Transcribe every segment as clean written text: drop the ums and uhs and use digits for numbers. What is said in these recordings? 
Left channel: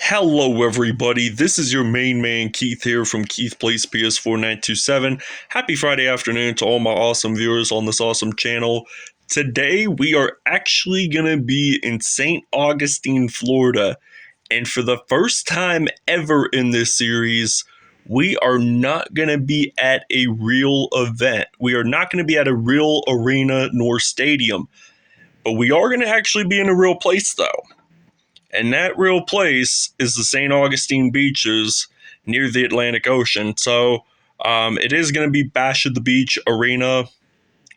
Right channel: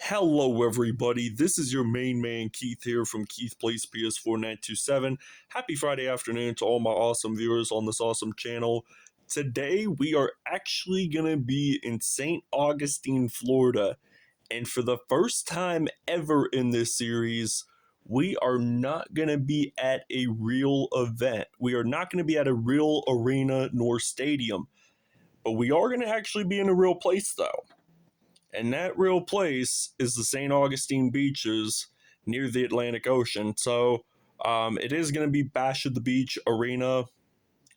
Hello everybody, this is your main man Keith here from Keith Plays PS4 927. Happy Friday afternoon to all my awesome viewers on this awesome channel. Today we are actually going to be in St. Augustine, Florida. And for the first time ever in this series, we are not going to be at a real event. We are not going to be at a real arena nor stadium. But we are going to actually be in a real place though. And that real place is the St. Augustine beaches near the Atlantic Ocean. So it is going to be Bash at the Beach Arena,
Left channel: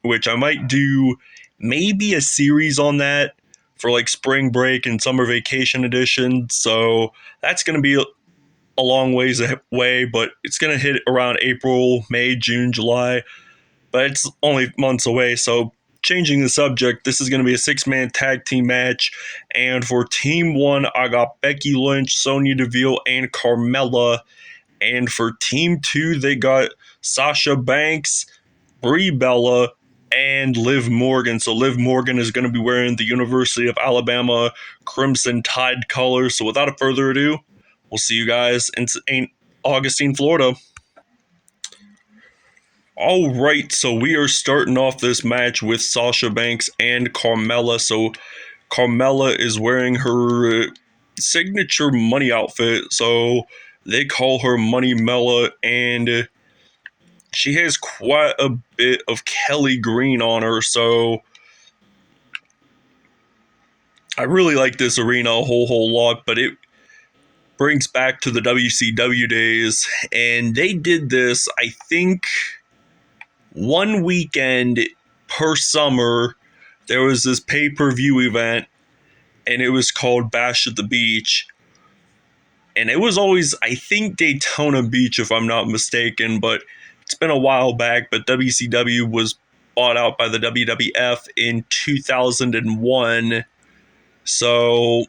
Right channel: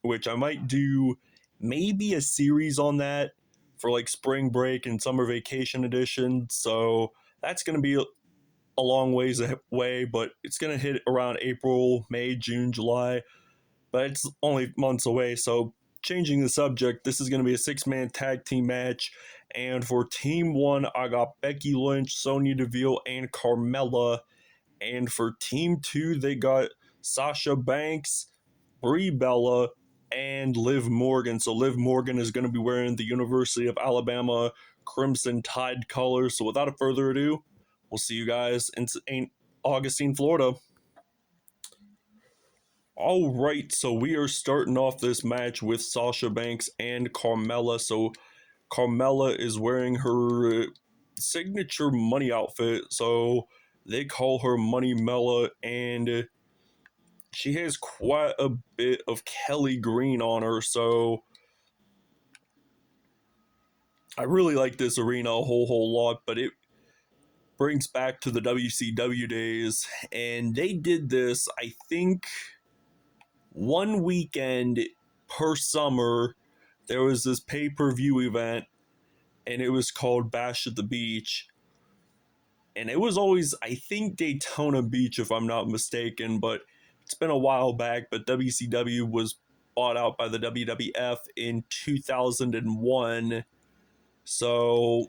which I might do maybe a series on that for like spring break and summer vacation edition. So that's going to be a long ways away, but it's going to hit around April, May, June, July. But it's only months away, so changing the subject, this is going to be a six-man tag team match, and for Team 1, I got Becky Lynch, Sonya Deville, and Carmella, and for Team 2, they got Sasha Banks, Brie Bella, and Liv Morgan. So Liv Morgan is going to be wearing the University of Alabama Crimson Tide colors. So without further ado, we'll see you guys in St. Augustine, Florida. Alright, so we are starting off this match with Sasha Banks and Carmella. So Carmella is wearing her signature money outfit, so they call her Money Mella, and she has quite a bit of Kelly green on her, so I really like this arena a whole lot, but it brings back to the WCW days, and they did this, I think, one weekend per summer. There was this pay-per-view event, and it was called Bash at the Beach. And it was always, I think, Daytona Beach, if I'm not mistaken, but it's been a while back. But WCW was bought out by the WWF in 2001. So,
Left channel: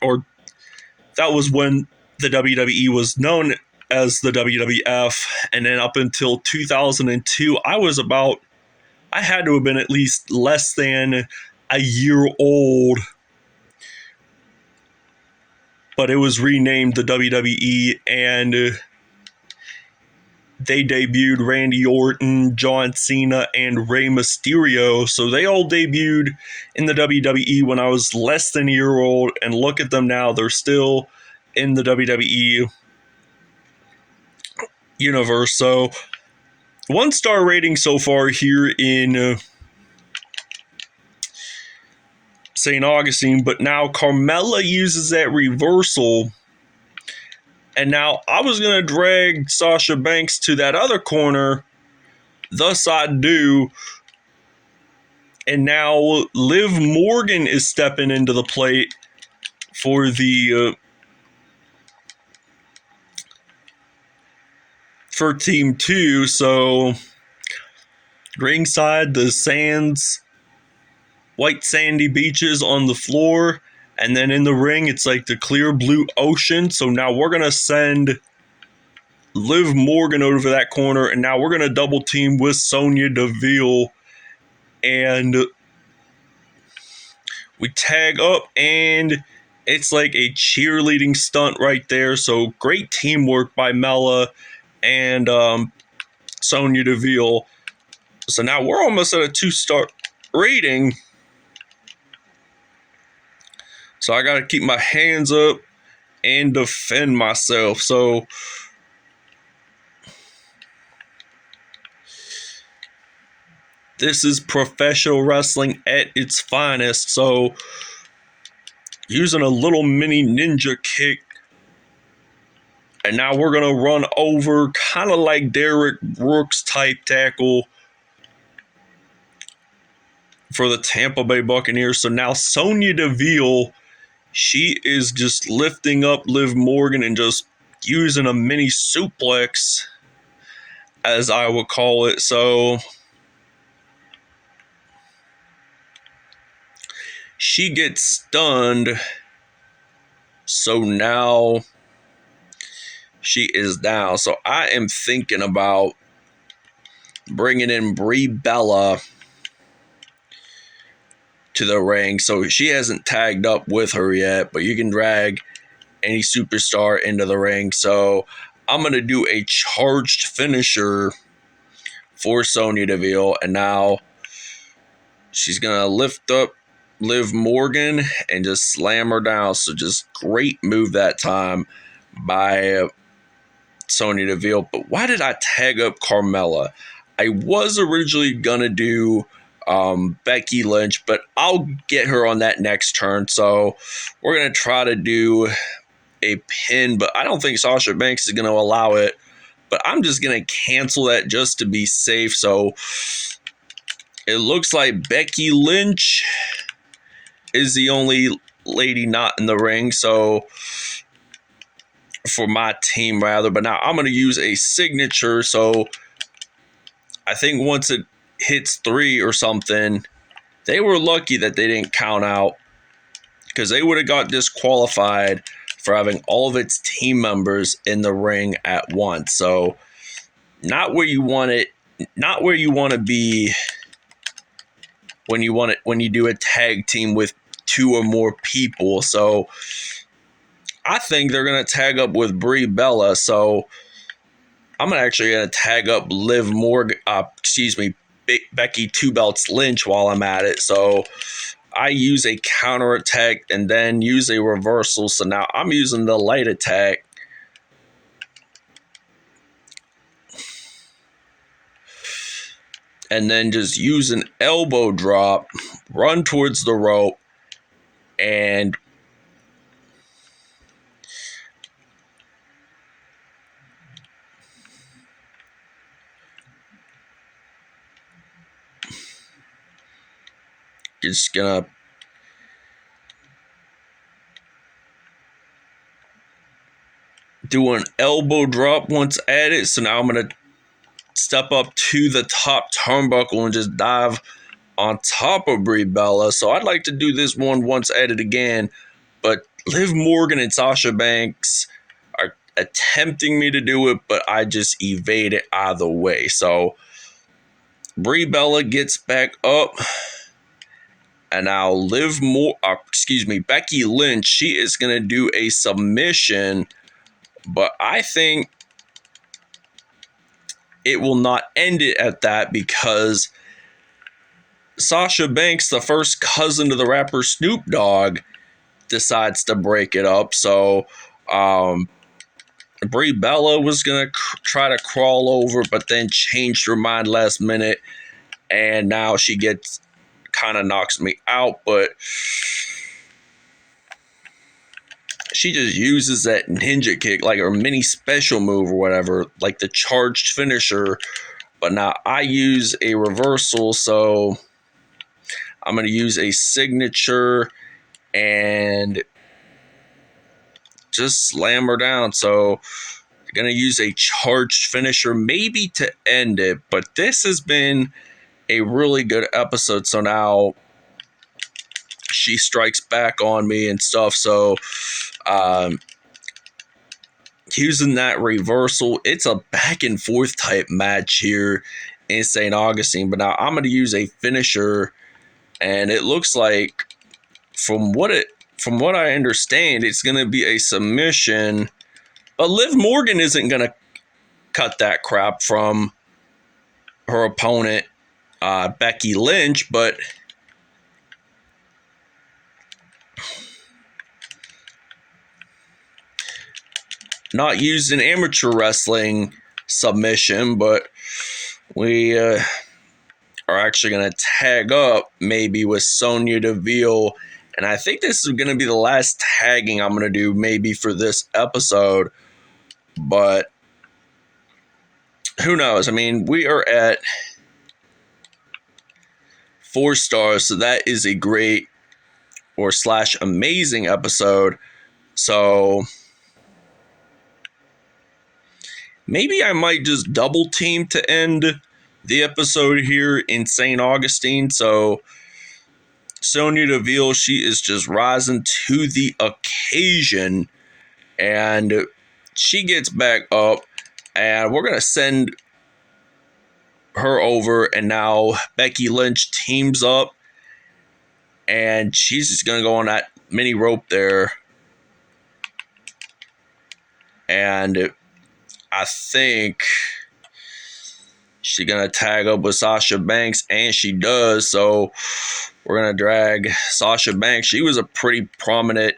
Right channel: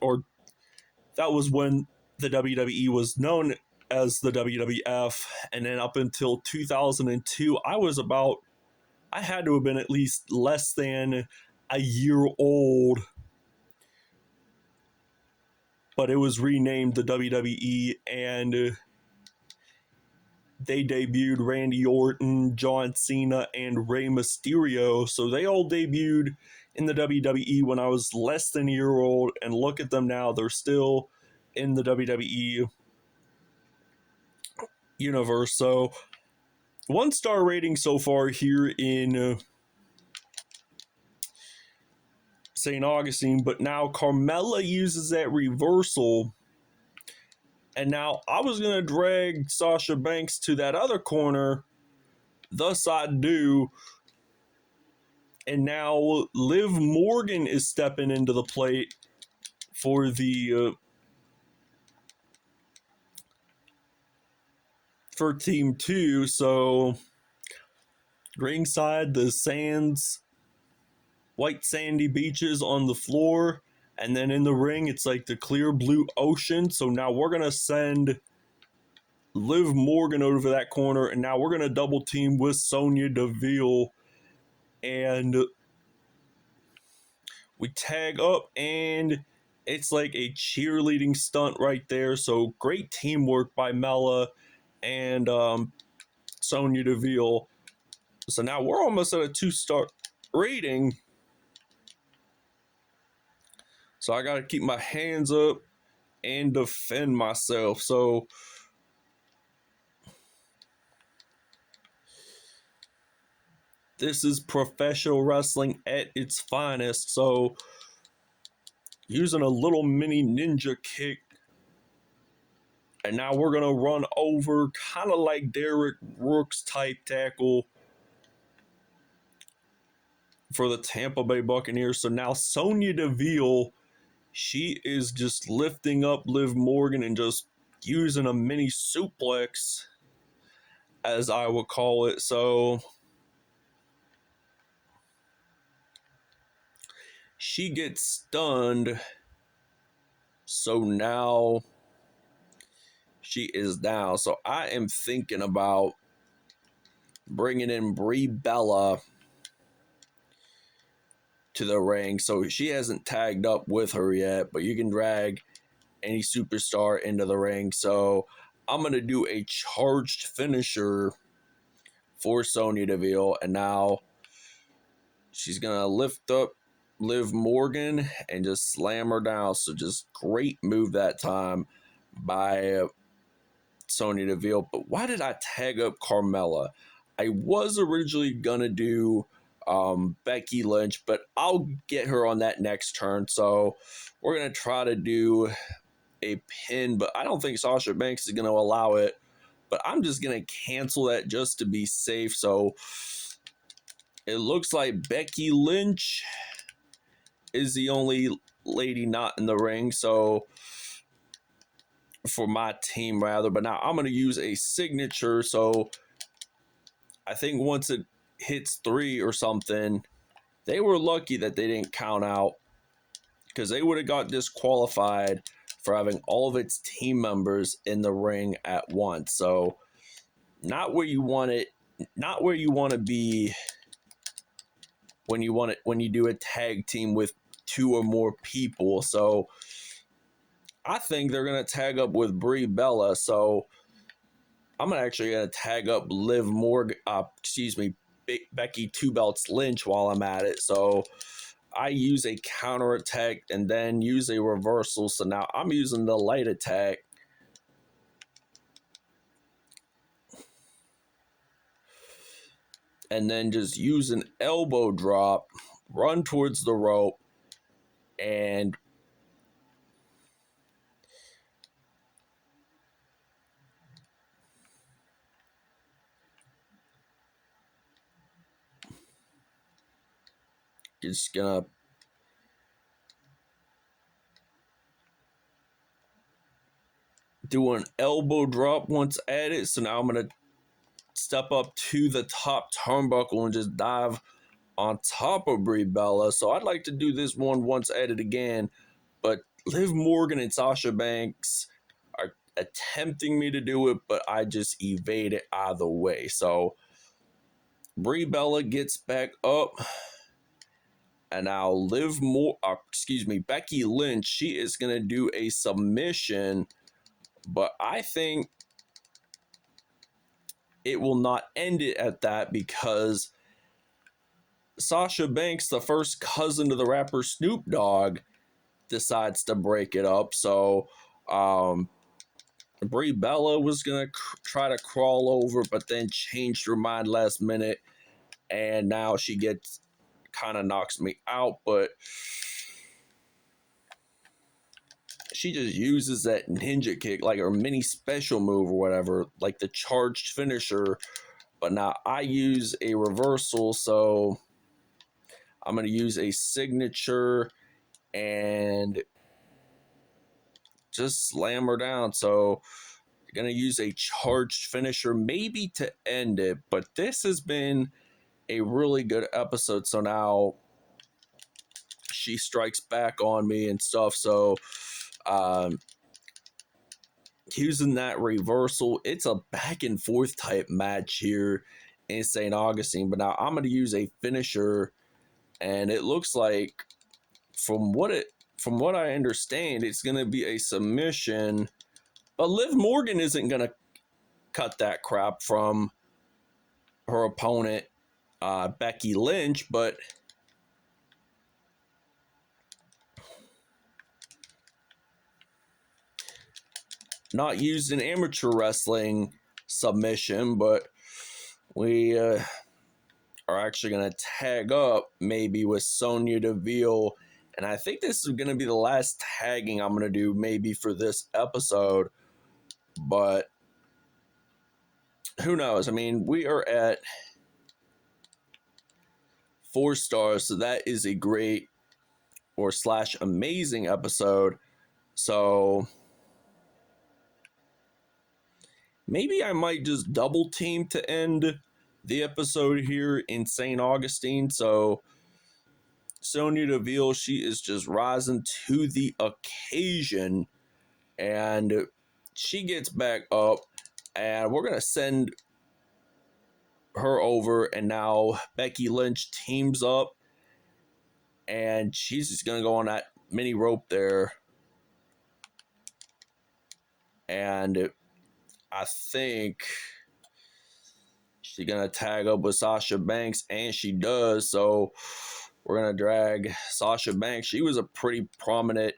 or that was when the WWE was known as the WWF, and then up until 2002, I had to have been at least less than a year old, but it was renamed the WWE, and they debuted Randy Orton, John Cena, and Rey Mysterio. So they all debuted in the WWE when I was less than a year old, and look at them now, they're still in the WWE universe. So 1-star rating so far here in St. Augustine, but now Carmella uses that reversal, and now I was going to drag Sasha Banks to that other corner, thus I do, and now Liv Morgan is stepping into the plate for the for Team 2. So ringside, the sands, white sandy beaches on the floor, and then in the ring it's like the clear blue ocean. So now we're gonna send Liv Morgan over to that corner, and now we're gonna double team with Sonya Deville, and we tag up, and it's like a cheerleading stunt right there. So great teamwork by Mella and Sonya Deville. So now we're almost at a 2-star rating. So I got to keep my hands up and defend myself. So this is professional wrestling at its finest. So using a little mini ninja kick. And now we're going to run over, kind of like Derek Brooks type tackle for the Tampa Bay Buccaneers. So now Sonya Deville, she is just lifting up Liv Morgan and just using a mini suplex, as I would call it. So she gets stunned. So now she is down. So I am thinking about bringing in Brie Bella to the ring. So she hasn't tagged up with her yet, but you can drag any superstar into the ring. So I'm going to do a charged finisher for Sonya Deville. And now she's going to lift up Liv Morgan and just slam her down. So just great move that time by Sonya Deville. But why did I tag up Carmella? I was originally going to do Becky Lynch, but I'll get her on that next turn. So we're going to try to do a pin, but I don't think Sasha Banks is going to allow it. But I'm just going to cancel that just to be safe. So it looks like Becky Lynch is the only lady not in the ring. So for my team, rather. But now I'm going to use a signature. So I think once it hits 3 or something, they were lucky that they didn't count out, because they would have got disqualified for having all of its team members in the ring at once. So not where you want it, not where you want to be when you do a tag team with 2 or more people. So I think they're going to tag up with Brie Bella. So I'm actually going to tag up Liv Morgan, Becky Two Belts Lynch while I'm at it. So I use a counter attack and then use a reversal. So now I'm using the light attack. And then just use an elbow drop, run towards the rope, and just gonna do an elbow drop once added. So now I'm gonna step up to the top turnbuckle and just dive on top of Brie Bella. So I'd like to do this one once added again, but Liv Morgan and Sasha Banks are attempting me to do it, but I just evade it either way. So Brie Bella gets back up, and now Becky Lynch, she is gonna do a submission, but I think it will not end it at that, because Sasha Banks, the first cousin to the rapper Snoop Dogg, decides to break it up. So Brie Bella was going to try to crawl over, but then changed her mind last minute. And now she kind of knocks me out. But she just uses that ninja kick, like her mini special move or whatever, like the charged finisher. But now I use a reversal, so I'm going to use a signature and just slam her down. So I'm going to use a charged finisher maybe to end it. But this has been a really good episode. So now she strikes back on me and stuff. So using that reversal, it's a back and forth type match here in St. Augustine. But now I'm going to use a finisher, and it looks like from what I understand, it's going to be a submission. But Liv Morgan isn't going to cut that crap from her opponent, Becky Lynch, but not used in amateur wrestling submission, but we are actually going to tag up maybe with Sonya Deville. And I think this is going to be the last tagging I'm going to do maybe for this episode. But who knows? I mean, we are at 4 stars, so that is a great or / amazing episode. So maybe I might just double team to end the episode here in St. Augustine. So Sonya Deville, she is just rising to the occasion, and she gets back up, and we're going to send her over, and now Becky Lynch teams up, and she's just going to go on that mini rope there. And I think she's going to tag up with Sasha Banks, and she does. So we're going to drag Sasha Banks. She was a pretty prominent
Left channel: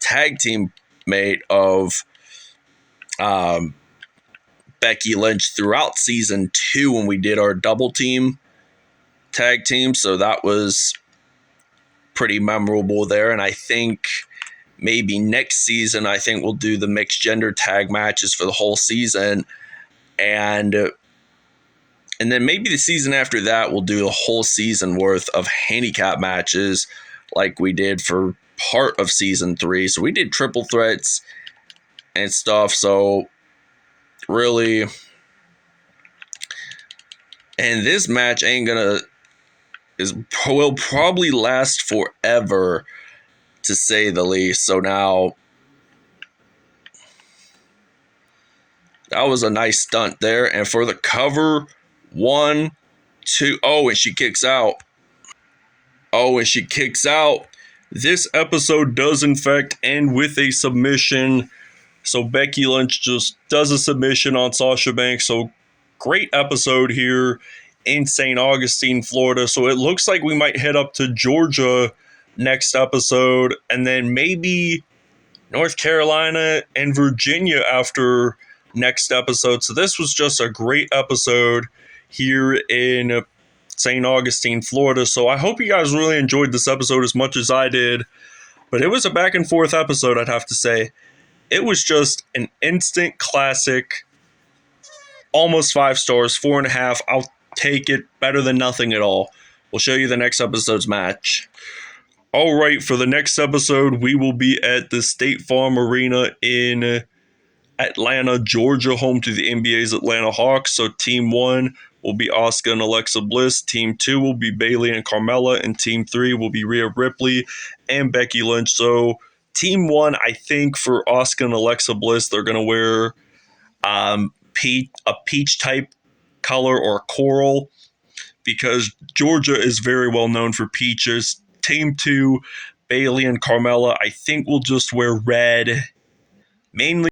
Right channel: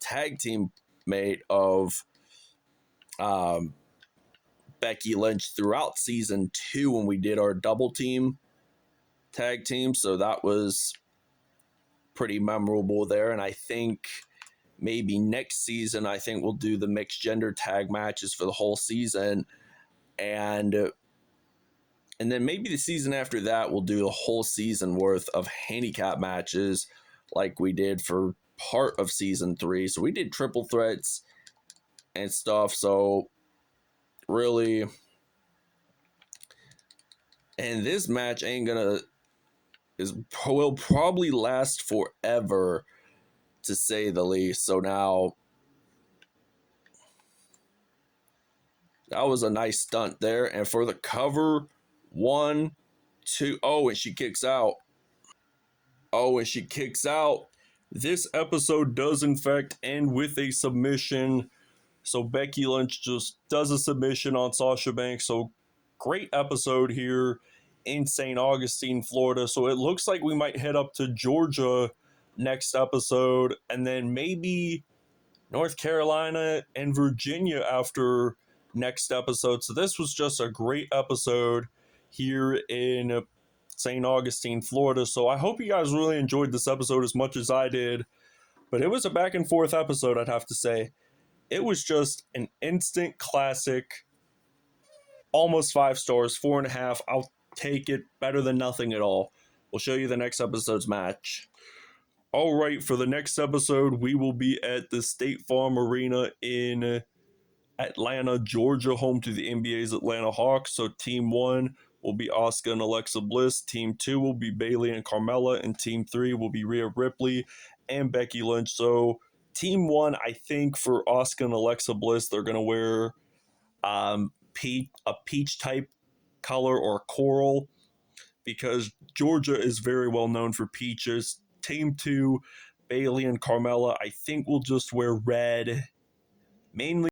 tag team mate of Becky Lynch throughout season 2 when we did our double team tag team. So that was pretty memorable there. And I think maybe next season, I think we'll do the mixed gender tag matches for the whole season. And then maybe the season after that, we'll do a whole season worth of handicap matches like we did for part of season 3. So we did triple threats and stuff. So really, and this match will probably last forever, to say the least. So now, that was a nice stunt there. And for the cover, 1, 2, and she kicks out. This episode does in fact end with a submission. So Becky Lynch just does a submission on Sasha Banks. So great episode here in St. Augustine, Florida. So it looks like we might head up to Georgia next episode, and then maybe North Carolina and Virginia after next episode. So this was just a great episode here in St. Augustine, Florida. So I hope you guys really enjoyed this episode as much as I did. But it was a back and forth episode, I'd have to say. It was just an instant classic. Almost 5 stars, 4.5. I'll take it. Better than nothing at all. We'll show you the next episode's match. All right, for the next episode, we will be at the State Farm Arena in Atlanta, Georgia, home to the NBA's Atlanta Hawks. So Team 1 will be Asuka and Alexa Bliss. Team 2 will be Bayley and Carmella. And Team 3 will be Rhea Ripley and Becky Lynch. So Team 1, I think for Asuka and Alexa Bliss, they're going to wear a peach type color or coral, because Georgia is very well known for peaches. Team 2, Bayley and Carmella, I think will just wear red, mainly